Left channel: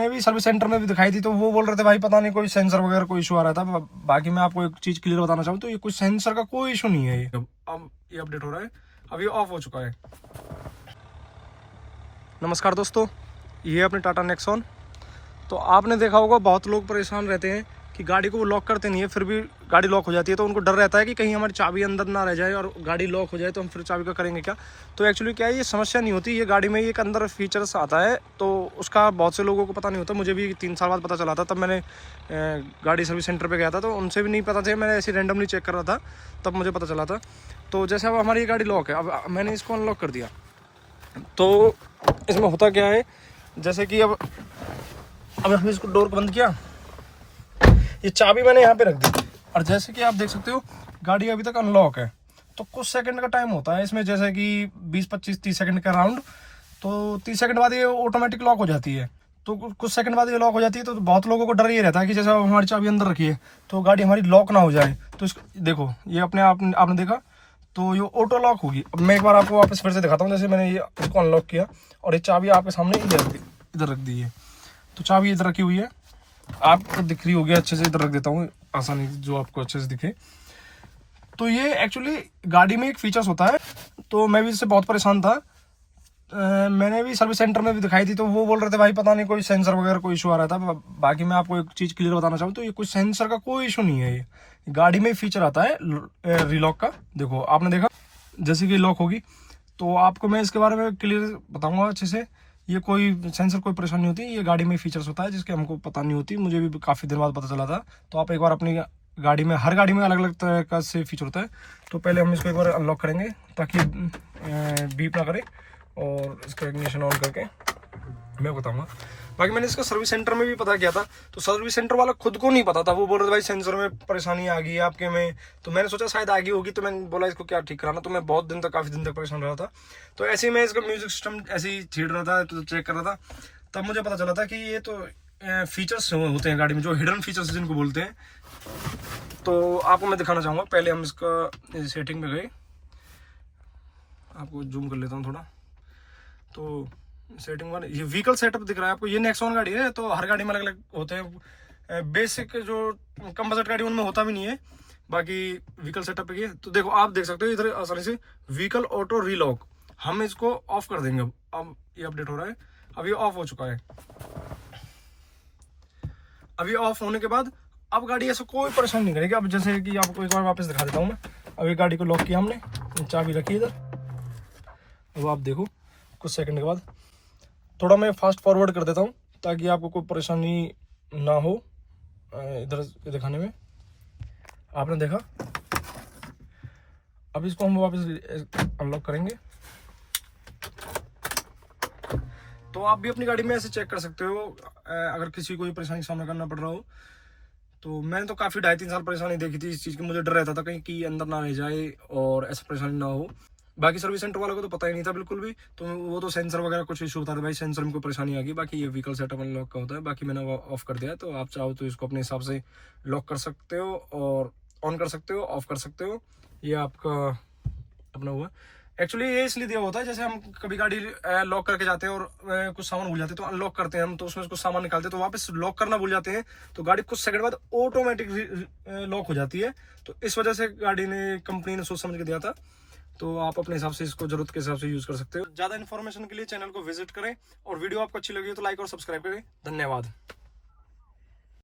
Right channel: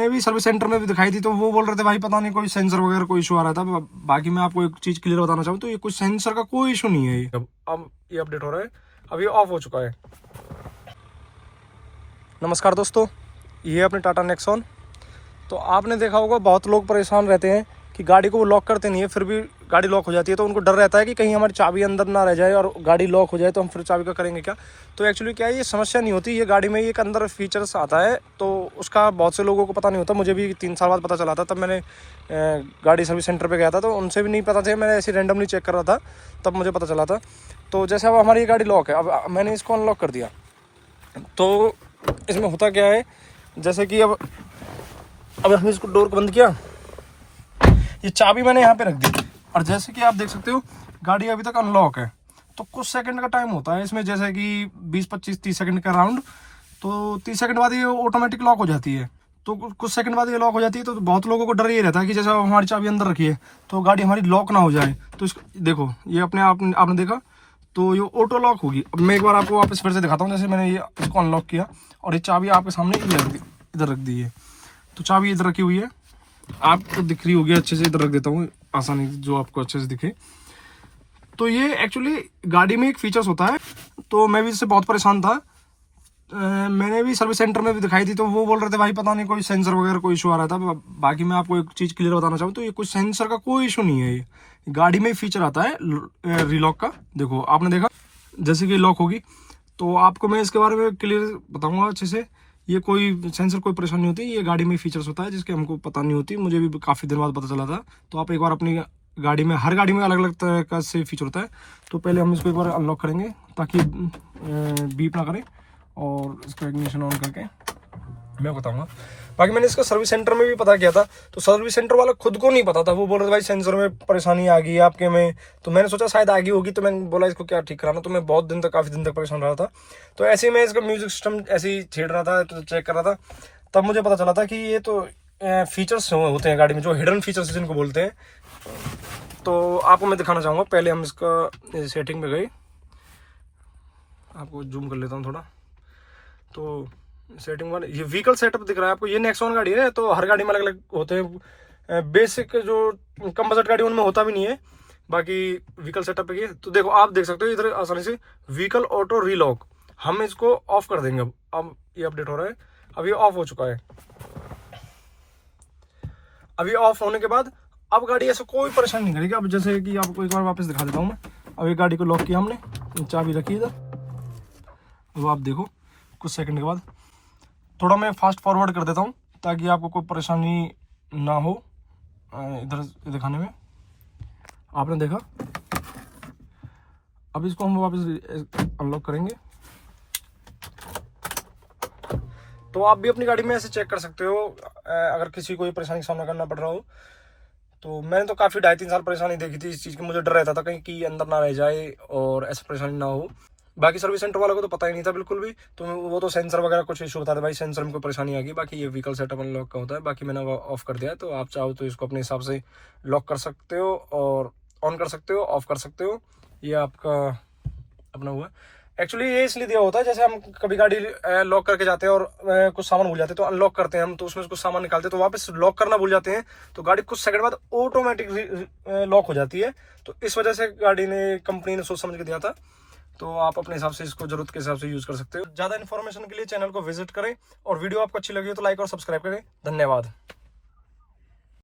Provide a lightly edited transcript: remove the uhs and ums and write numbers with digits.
मैं भी service centre में भी दिखाई थी तो वो बोल रहे थे भाई पता नहीं कोई सेंसर वगैरह कोई इशू आ रहा था। बाकी मैं आपको एक चीज क्लियर बताना चाहूँ तो ये कोई सेंसर का कोई इशू नहीं है। ये अब ये अपडेट हो रहा है, अब ये ऑफ हो चुका है। नमस्कार दोस्तों, ये अपने टाटा नेक्सॉन। तो आपने देखा होगा बहुत लोग परेशान रहते हैं कि गाड़ी को वो लॉक करते नहीं है, फिर भी गाड़ी लॉक हो जाती है। तो उनको डर रहता है कि कहीं हमारी चाबी अंदर ना रह जाए और गाड़ी लॉक हो जाए तो हम फिर चाबी का करेंगे क्या। तो एक्चुअली क्या है, ये समस्या नहीं होती। ये गाड़ी में एक अंदर फीचर्स आता है तो उसका बहुत से लोगों को पता नहीं होता। मुझे भी 3 साल बाद पता चला था, तब मैंने गाड़ी सर्विस सेंटर पर गया था तो उनसे भी नहीं पता था। मैंने ऐसे रैंडमली चेक कर रहा था, तब मुझे पता चला था। तो जैसे अब हमारी ये गाड़ी लॉक है, अब मैंने इसको अनलॉक कर दिया तो इसमें होता क्या है, जैसे कि अब हमने इसको डोर को बंद किया, ये चाबी मैंने यहाँ पे रख दी और जैसे कि आप देख सकते हो गाड़ी अभी तक अनलॉक है। तो कुछ सेकंड का टाइम होता है इसमें, जैसे कि 20, 25, 30 सेकंड का राउंड। तो 30 सेकंड बाद ये ऑटोमेटिक लॉक हो जाती है। तो कुछ सेकंड बाद ये लॉक हो जाती है। तो बहुत लोगों को डर ये रहता है कि जैसे हमारी चाबी अंदर रखी है तो गाड़ी हमारी लॉक ना हो जाए। तो इसको देखो, ये अपने आप आपने देखा तो ये ऑटो लॉक होगी। अब मैं एक बार आपको वापस फिर से दिखाता हूँ। जैसे मैंने ये इसको अनलॉक किया और ये चाबी आपके सामने इधर रख दी है। तो चाबी इधर रखी हुई है, आपको दिख रही होगी अच्छे से। इधर रख देता हूँ आसानी जो आपको अच्छे से दिखे। तो ये एक्चुअली गाड़ी में एक फीचर्स होता है। तो मैं भी इससे बहुत परेशान था। मैंने भी सर्विस सेंटर में भी दिखाई थी तो वो बोल रहे थे भाई पता नहीं कोई सेंसर वगैरह कोई इशू आ रहा था। बाकी मैं आपको एक चीज क्लियर बताना चाहूँ तो ये कोई सेंसर का कोई इशू नहीं है। ये गाड़ी में फीचर आता है रीलॉक का। देखो आपने देखा जैसे कि लॉक होगी तो आपको मैं इसके बारे में क्लियर बताऊंगा अच्छे से। ये कोई सेंसर कोई परेशानी नहीं होती, ये गाड़ी में फीचर्स होता है जिसके हमको पता नहीं होती। मुझे भी काफ़ी दिन बाद पता चला था। तो आप एक बार अपनी गाड़ी में, हर गाड़ी में अलग अलग तरह का से फीचर होता है। तो पहले हम इसको एक बार अनलॉक करेंगे ताकि बीप ना करे और इसका इग्निशन ऑन करके मैं बताऊंगा। बाकी मैंने इसका सर्विस सेंटर में भी पता किया था तो सर्विस सेंटर वाला खुद को नहीं पता था। वो बोल रहे थे भाई सेंसर में परेशानी आ गई आपके में। तो मैंने सोचा शायद आ गई होगी, तो मैंने बोला इसको क्या ठीक कराना। तो मैं बहुत दिन तक, काफ़ी दिन तक परेशान रहा था। तो ऐसे ही मैं इसका म्यूजिक सिस्टम ऐसे ही छेड़ रहा था, तो चेक कर रहा था। तब मुझे पता चला था कि ये तो फीचर्स होते हैं गाड़ी में, जो हिडन फीचर्स जिनको बोलते हैं। तो आपको मैं दिखाना चाहूँगा। पहले हम इसका सेटिंग में गए, आपको जूम कर लेता हूँ थोड़ा। तो सेटिंग वन, ये व्हीकल सेटअप दिख रहा है आपको। ये नेक्सॉन गाड़ी है तो हर गाड़ी में अलग अलग होते हैं। बेसिक जो कम बजट गाड़ी उनमें होता भी नहीं है। बाकी व्हीकल सेटअप है। तो देखो आप देख सकते हो इधर आसानी से व्हीकल ऑटो रीलॉक। हम इसको ऑफ कर देंगे। अब ये अपडेट हो रहा है, अब ये ऑफ हो चुका है। अब ये ऑफ होने के बाद अब गाड़ी ऐसे कोई परेशानी नहीं करेगी। अब जैसे कि आपको एक बार वापस दिखा देता हूँ मैं। अब ये गाड़ी को लॉक किया हमने, चाबी रखी इधर। अब आप देखो कुछ सेकंड के बाद थोड़ा मैं फास्ट फॉरवर्ड कर देता हूँ ताकि आपको कोई परेशानी ना हो इधर दिखाने में। आपने देखा, अब इसको हम वापस अनलॉक करेंगे। तो आप भी अपनी गाड़ी में ऐसे चेक कर सकते हो अगर किसी को परेशानी का सामना करना पड़ रहा हो। तो मैंने तो काफ़ी 2.5-3 साल परेशानी देखी थी इस चीज़ की। मुझे डर रहता था कहीं की अंदर ना रह जाए और ऐसी परेशानी ना हो। बाकी सर्विस सेंटर वालों को तो पता ही नहीं था बिल्कुल भी। तो वो तो सेंसर वगैरह कुछ इशू होता था, भाई सेंसर में कोई परेशानी आ गई। बाकी ये व्हीकल सेटअप अनलॉक का होता है। बाकी मैंने ऑफ कर दिया है। तो आप चाहो तो इसको अपने हिसाब से लॉक कर सकते हो और ऑन कर सकते हो, ऑफ कर सकते हो। ये आपका अपना हुआ। एक्चुअली ये इसलिए दिया होता है, जैसे हम कभी गाड़ी लॉक करके जाते हैं और कुछ सामान भूल जाते हैं तो अनलॉक करते हैं हम, तो उसमें कुछ सामान निकालते हैं तो वापस लॉक करना भूल जाते हैं तो गाड़ी कुछ सेकंड बाद ऑटोमेटिक लॉक हो जाती है। तो इस वजह से गाड़ी ने, कंपनी ने सोच समझ के दिया था। तो आप अपने हिसाब से इसको जरूरत के हिसाब से यूज कर सकते हो। ज्यादा इन्फॉर्मेशन के लिए चैनल को विजिट करें और वीडियो आपको अच्छी लगी हो तो लाइक और सब्सक्राइब करें। धन्यवाद।